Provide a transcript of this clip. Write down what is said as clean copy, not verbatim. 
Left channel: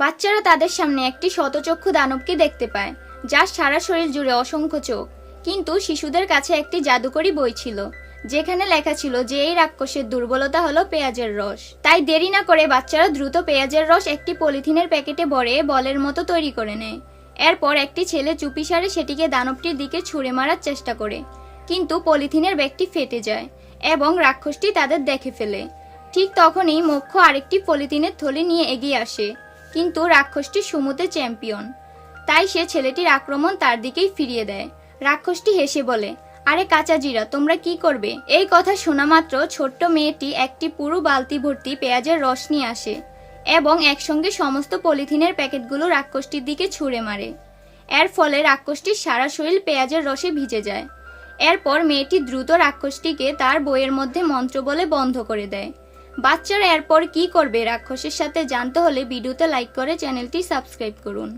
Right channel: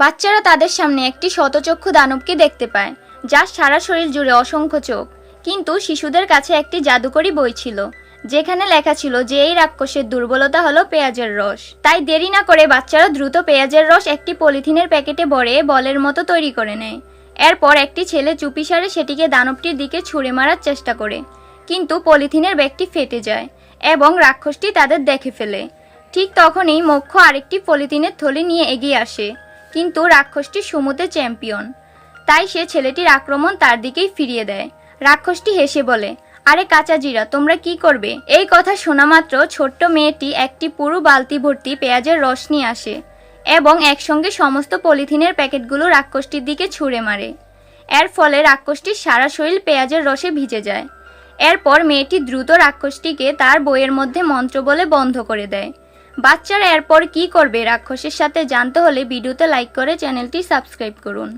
বাচ্চারা তাদের সামনে একটি শতচক্ষু দানবকে দেখতে পায়, যার সারা শরীর জুড়ে অসংখ্য চোখ। কিন্তু শিশুদের কাছে একটি জাদুকরী বই ছিল, যেখানে লেখা ছিল যে এই রাক্ষসের দুর্বলতা হলো পেঁয়াজের রস। তাই দেরি না করে বাচ্চারা দ্রুত পেঁয়াজের রস একটি পলিথিনের প্যাকেটে ভরে বলের মতো তৈরি করে নেয়। এরপর একটি ছেলে চুপিসারে সেটিকে দানবটির দিকে ছুঁড়ে মারার চেষ্টা করে, কিন্তু পলিথিনের ব্যাগটি ফেটে যায় এবং রাক্ষসটি তাদের দেখে ফেলে। ঠিক তখনই মোক্ষ আরেকটি পলিথিনের থলি নিয়ে এগিয়ে আসে, কিন্তু রাক্ষসটি সুমুতে চ্যাম্পিয়ন, তাই সে ছেলেটির আক্রমণ তার দিকেই ফিরিয়ে দেয়। রাক্ষসটি হেসে বলে, আরে কাচাজিরা, তোমরা কি করবে? এই কথা শোনা মাত্র ছোট্ট মেয়েটি একটি পুরো বালতি ভর্তি পেঁয়াজের রস নিয়ে আসে এবং একসঙ্গে সমস্ত পলিথিনের প্যাকেটগুলো রাক্ষসটির দিকে ছুঁড়ে মারে। এর ফলে রাক্ষসটির সারা শরীর পেঁয়াজের রসে ভিজে যায়। এরপর মেয়েটি দ্রুত রাক্ষসটিকে তার বইয়ের মধ্যে মন্ত্র বলে বন্ধ করে দেয়। বাচ্চারা এরপর কি করবে রাক্ষসের সাথে জানতে হলে ভিডিওতে লাইক করে চ্যানেলটি সাবস্ক্রাইব করুন।